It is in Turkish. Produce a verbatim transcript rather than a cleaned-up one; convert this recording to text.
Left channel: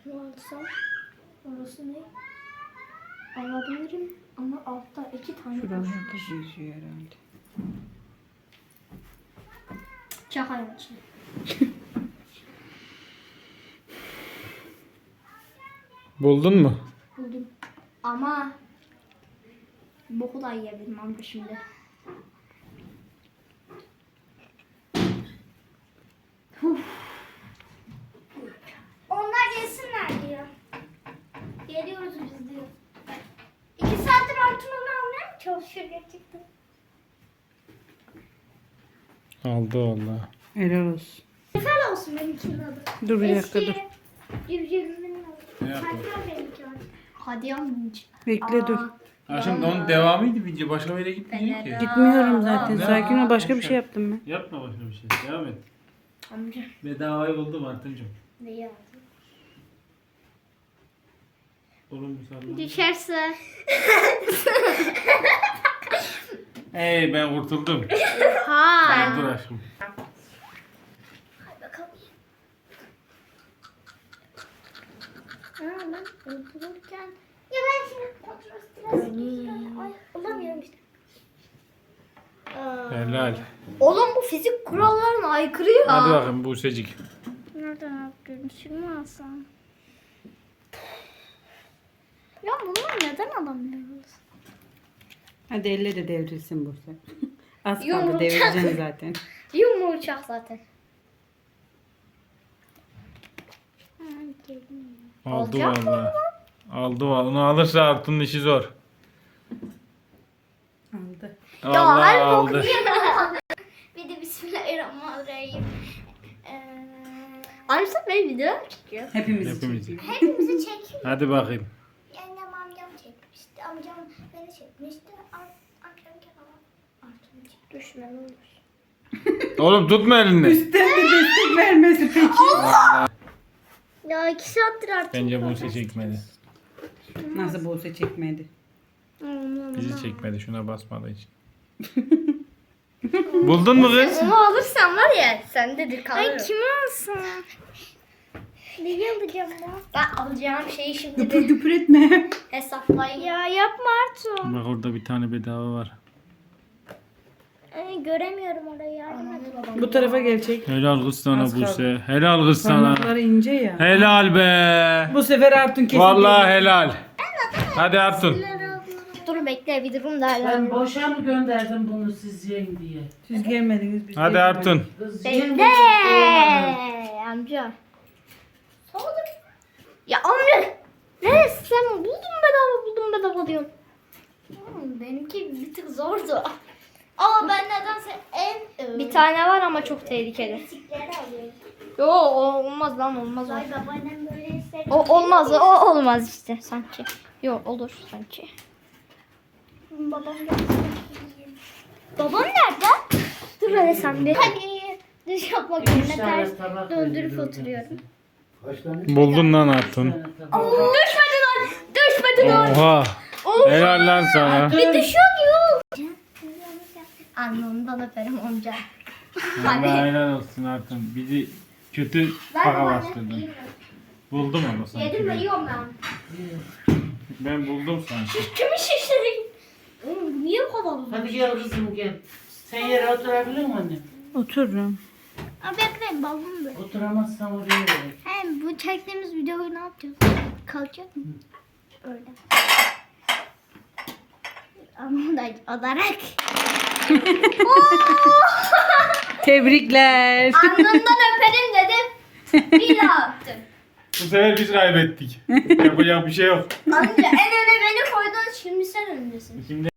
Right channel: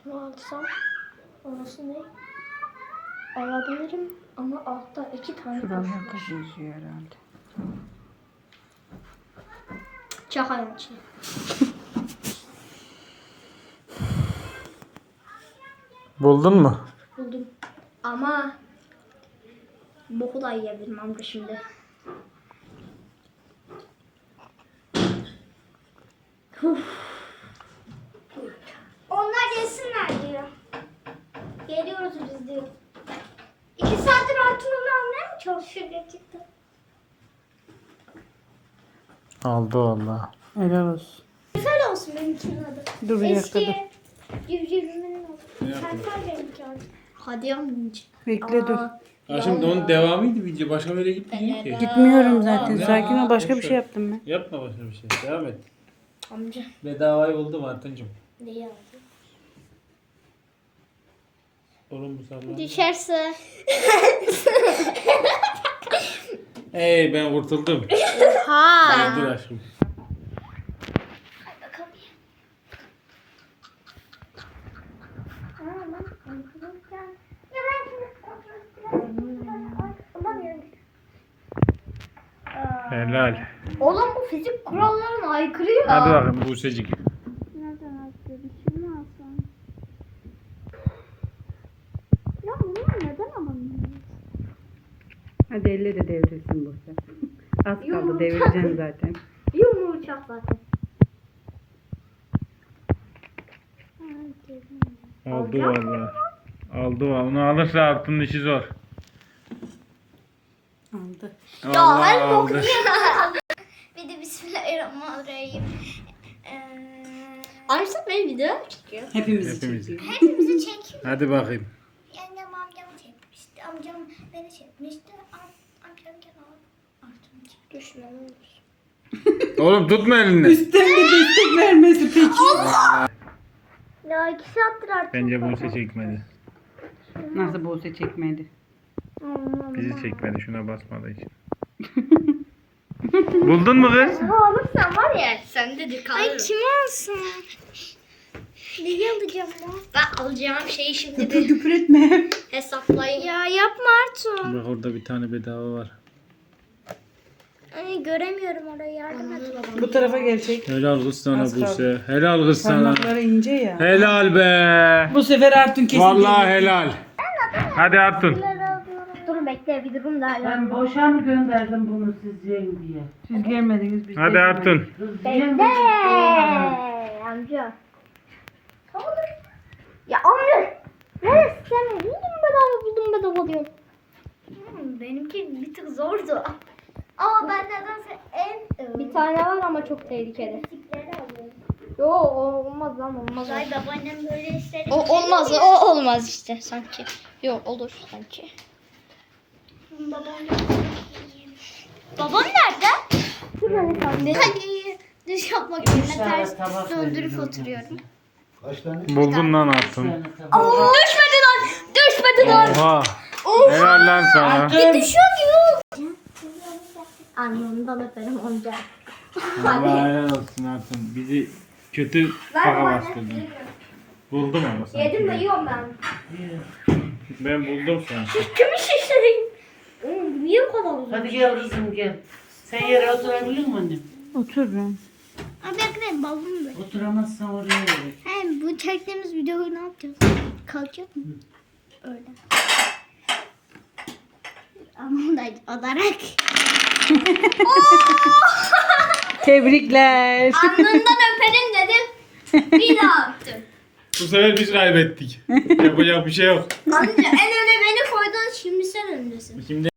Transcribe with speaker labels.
Speaker 1: Şunu alsam orası ne? Alabilirim ama altta iki tane
Speaker 2: Şuralar
Speaker 1: kuş var.
Speaker 2: kız yüzüyor herhalde.
Speaker 1: Çakayım içine.
Speaker 3: Buldun mu?
Speaker 1: Buldum. Ama boku da yiyebilirim amca şimdi. Uf. Onlar gelsinler diyor. Geliyoruz biz diyor. İki saattir altın onu almaya mı çalışıyor gerçekten?
Speaker 3: Aldı valla.
Speaker 2: Helal olsun.
Speaker 1: Güzel olsun benimkinin adı.
Speaker 2: Dur bir dakika dur.
Speaker 1: Eski civcivimin adı. Serkan benimki adı. Hadi yavrum.
Speaker 2: Bekle dur.
Speaker 3: Ha şimdi onun devamıydı video. Başka bir yere gitmeyecek ki.
Speaker 2: Gitmiyorum zaten. Sakin ol. Başka bir şey yaptım ben.
Speaker 3: Yapma başka bir şey. Devam et.
Speaker 1: Amca.
Speaker 3: Bedavayı buldum Artıncım.
Speaker 1: Neyi aldın?
Speaker 3: Oğlum bu sallan.
Speaker 1: Düşerse.
Speaker 3: Hey ben kurtuldum.
Speaker 1: Ha.
Speaker 3: Dur aşkım.
Speaker 1: Hadi bakalım. Ha ben otururken. Ya ben şimdi otururken biraz. Olamıyorum işte. Aa.
Speaker 3: Helal.
Speaker 1: Oğlum bu fizik kurallarına aykırı ya.
Speaker 3: Hadi bakayım Buse'cik.
Speaker 1: Nereden yapıyorum? Şimdi mi alsam? Ya bunlar neden alamıyoruz?
Speaker 2: Hadi elle de devrilsin burada. Az kaldı
Speaker 1: Yumurta.
Speaker 2: devireceksin zaten.
Speaker 1: Yumurcak zaten.
Speaker 3: Aldı
Speaker 1: Alacak mı
Speaker 3: valla. Aldı valla. Onu alırsa Artun'un işi zor.
Speaker 2: Aldı.
Speaker 3: Vallahi
Speaker 1: her
Speaker 3: aldı.
Speaker 1: boku Bir de bismillahirrahmanirrahim. Ee, Arsa benim video çekiyor.
Speaker 2: Hepimizi
Speaker 3: Hepimizi.
Speaker 2: çekiyor.
Speaker 1: Hepimizi çekiyor.
Speaker 3: Hadi bakayım.
Speaker 1: Yengem amcam çekmişti. Amcam beni çekmişti. Am- Amcam kenara artık çekti. Düşme ne olur.
Speaker 3: Oğlum tutma elini.
Speaker 2: Üstten de destek vermesi peki.
Speaker 1: Ya iki saattir artık.
Speaker 3: Bence Buse çekmedi.
Speaker 2: Nasıl Buse çekmedi?
Speaker 3: Bizi çekmedi. Şuna basmadığı için. Buldun mu kız?
Speaker 1: Bunu alırsan var ya sendedir kalır. Ay kim alsın? Neyi alacağım ya? Ben alacağım şeyi şimdi
Speaker 2: Güpür
Speaker 1: bir
Speaker 2: güpür etme.
Speaker 1: hesaplayayım. Ya yapma Artu.
Speaker 3: Bak orada bir tane bedava var.
Speaker 1: Ay göremiyorum orayı yardım et.
Speaker 2: Bu tarafa gelecek.
Speaker 3: Helal kız sana
Speaker 2: Az kaldı.
Speaker 3: Buse. Helal kız sana.
Speaker 2: Parmakları ince ya.
Speaker 3: Helal be.
Speaker 2: Bu sefer Artun kesin
Speaker 3: Vallahi
Speaker 2: gelecek.
Speaker 3: helal. Hadi Artun.
Speaker 1: Dur bekle bir durum derler.
Speaker 4: Ben boşa mı gönderdim bunu siz yiyin diye?
Speaker 2: Siz gelmediniz. Biz
Speaker 3: Hadi
Speaker 2: de
Speaker 3: Artun.
Speaker 4: Kız yiyin
Speaker 1: Bekle
Speaker 4: bu
Speaker 1: amca. Olur. Ya amca. Neresi sen buldun bedava buldum bedava diyorsun. Hmm, benimki bir tık zordu. Aa ben nedense en... Bir tane var ama çok tehlikeli. Yo o olmaz lan olmaz. Ay babaannem böyle işleri... O olmaz o olmaz işte sanki. Yo olur sanki. Babam Babam nerede? Dur hele sen de. Hadi düş yapmak
Speaker 4: Üç
Speaker 1: yerine
Speaker 4: tane
Speaker 1: ters
Speaker 4: tabak
Speaker 1: döndürüp
Speaker 4: veriyorum
Speaker 1: oturuyorum.
Speaker 3: Buldun lan
Speaker 4: Bir
Speaker 3: Artun.
Speaker 4: tane tabak.
Speaker 1: Aa, düşmedi lan! Düşmedi lan!
Speaker 3: Oha.
Speaker 1: Oha!
Speaker 3: Helal lan sana.
Speaker 1: Bir düşüyor diyor. Alnından öperim amca.
Speaker 3: Allah helal olsun Artun. Bizi kötü
Speaker 1: Ver
Speaker 3: faka
Speaker 1: babaanne.
Speaker 3: bastırdın. Buldum ama sanki.
Speaker 1: Yedim mi yiyorum ben.
Speaker 3: Ben buldum sanki.
Speaker 1: Kimi şişireyim? Oğlum niye bu kadar uzun?
Speaker 4: Hadi gel kızım gel. Sen yere oturabilir misin anne?
Speaker 2: Otururum.
Speaker 1: Abi bekleyin balonu böyle.
Speaker 4: Oturamazsan oraya gel.
Speaker 1: Hem bu çektiğimiz videoyu ne yapacağız? Kalkacak mı? Öyle. Ama da olarak.
Speaker 2: Tebrikler.
Speaker 1: Alnından öperim dedim. Bir daha öptüm.
Speaker 3: Bu sefer biz kaybettik. Yapacak bir şey yok.
Speaker 1: Amca en öne beni koydun şimdi sen öndesin.
Speaker 3: Şimdi